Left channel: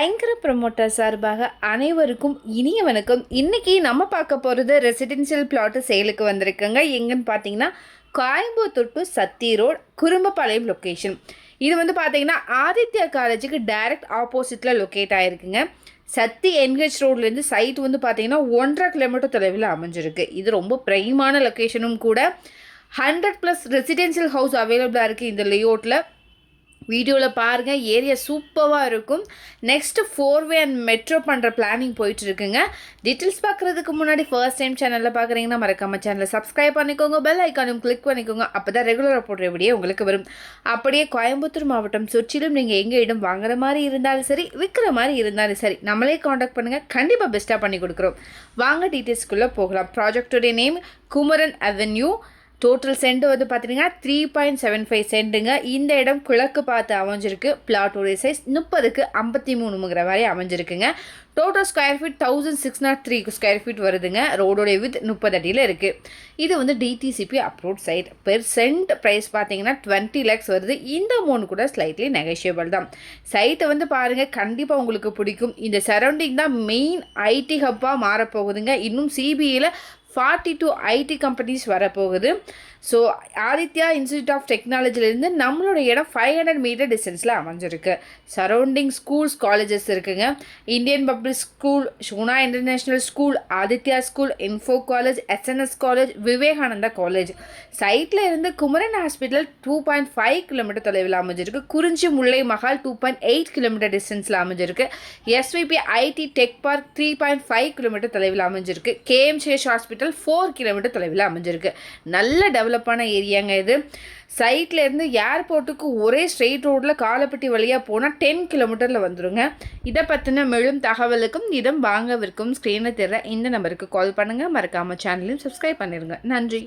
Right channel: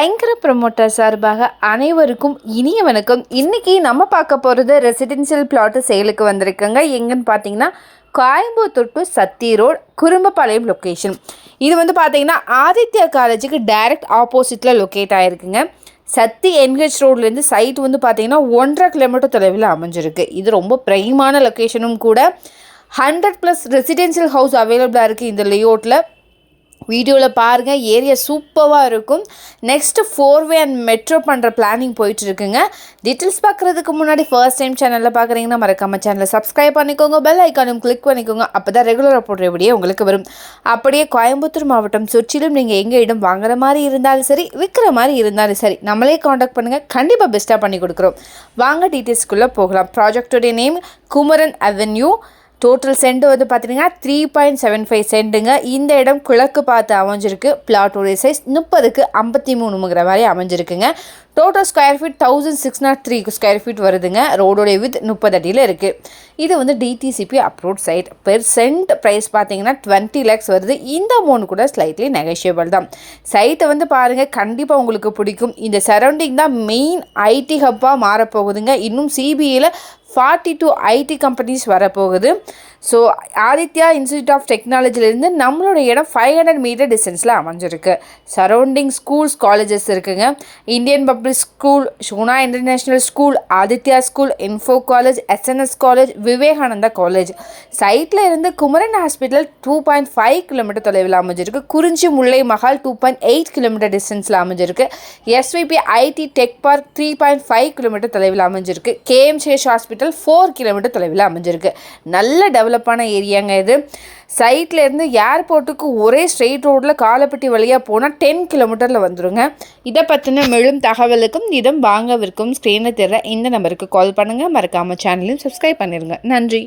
ஐங்கர promoter சார்பாக அனைவருக்கும் இனிய வணக்கம் இன்றைக்கி நம்ம பார்க்க போகிறது ரெசிடென்ஷியல் பிளாட்டு சேலுக்கு வந்திருக்குங்க. எங்கன்னு பார்த்தீங்கன்னா Coimbatore to Sathy road Kurumbapalayam location இது வந்து பார்த்தீங்கன்னா ஆதித்யா காலேஜுக்கு டைரக்ட் ஆப்போசிட்டில் லொக்கேட் ஆகிருக்குங்க சத்தி என்ஹெச் ரோட்லேருந்து சைட் வந்து பார்த்தீங்கன்னா ஒன்றரை கிலோமீட்டர் தொலைவில் அமைஞ்சிருக்கு. இது ரொம்ப ப்ரைமான லொக்கேஷனும் கூட. ஹண்ட்ரட் ப்ளஸ் ரெசிடென்ஷியல் ஹவுஸ் அவைலபிளாக இருக்குது இந்த லேஅவுட்டில் வீடியோவில் பாருங்கள் ஏரியா சூப்பராக இருக்கும். Next four way and metro பண்ணுற பிளானிங் போயிட்டுருக்குங்க. டீட்டெயில்ஸ் பார்க்குறதுக்கு முன்னாடி ஃபர்ஸ்ட் டைம் சேனலில் பார்க்குறீங்கன்னா மறக்காமல் சேனலை சப்ஸ்கிரைப் பண்ணிக்கோங்க பெல் ஐக்கானும் கிளிக் பண்ணிக்கோங்க அப்போ தான் ரெகுலராக போடுற வீடியோ உங்களுக்கு வரும். அப்படியே கோயம்புத்தூர் மாவட்டம் சுற்றிலும் நீங்கள் எங்கே இடம் வாங்குற மாதிரி இருந்தாலும் சரி விற்கிற மாதிரி இருந்தாலும் சரி நம்மளே காண்டாக்ட் பண்ணுங்கள் கண்டிப்பாக பெஸ்ட்டாக பண்ணி கொடுக்குறோம். வாங்க டீட்டெயில்ஸ்க்குள்ளே போகலாம். ப்ராஜெக்டோடைய name Kumaran avenue total cent வந்து பார்த்தீங்கன்னா த்ரீ பாயிண்ட் செவன் ஃபைவ் சென்ட்டுங்க இந்த இடம் கிழக்கு பார்த்து அமைஞ்சிருக்கு. பிளாட்டோடைய சைஸ் முப்பதுக்கு ஐம்பத்தி மூணுங்கிற மாதிரி அமைஞ்சிருக்குங்க. Total square feet thousand six nought three square feet வருதுங்க. ரோடோடைய வித் முப்பது அடியில் இருக்குது இது வந்து DTCP approved site per cent price பார்த்தீங்கன்னா டுவெண்ட்டி லேக்ஸ் வருது. இந்த அமௌண்ட் கூட ஸ்லைட்லி நெகஷியபிள் தான். சைட்டை வந்து பாருங்கள் கண்டிப்பாக உங்களுக்கு பிடிக்கும். இந்த சரௌண்டிங் தான் மெயின் ஐடி ஹப்பாக மாறப்போகுதுங்க. இன்னும் சிபிஐயில் ஃபார்ட்டி டூ ஐடி கம்பெனிஸ் வரப்போகுது. ஸோ ஆதித்யா இன்ஸ்டியூட் ஆஃப் டெக்னாலஜிலேருந்து நம்மளோட இடம் ஃபைவ் ஹண்ட்ரட் மீட்டர் டிஸ்டன்ஸில் அமைஞ்சிருக்கு. சரௌண்டிங் ஸ்கூல்ஸ் காலேஜஸ் இருக்குங்க. Indian public school Shona international school Aditya school info college SNS college Vivekananda college சைட்டில் இருந்து Kumaran hospital two point five kilometre தொலைவில் அமைஞ்சிருக்கு. Kurinji Mullai Mahal two point eight kilometre டிஸ்டன்ஸில் அமைஞ்சிருக்கு. SVP IT tech park three point five kilometre தொலைவில் அமைஞ்சிருக்கு. KMCH hospital four kilometre தொலைவில் அமைஞ்சிருக்கு. நல்ல டெவலப் டெவலப்பான ஏரியாங்க இது. சைட்லேருந்து ஏர்போர்ட்டுக்கு ஒரே ஸ்ட்ரெயிட் ரோட்டில் காலப்பட்டி வழியாக போனால் டென் கிலோமீட்டரில் வந்துடுங்க இதை பற்றின மேலும் தகவலுக்கும் இடம் வாங்கவிருக்கும் ஸ்க்ரீனில் தெரியல இந்த நம்பருக்கு கால் பண்ணுங்கள் மறக்காமல் சேனலையும் சப்ஸ்கிரைப் பண்ணிடுங்க நன்றி.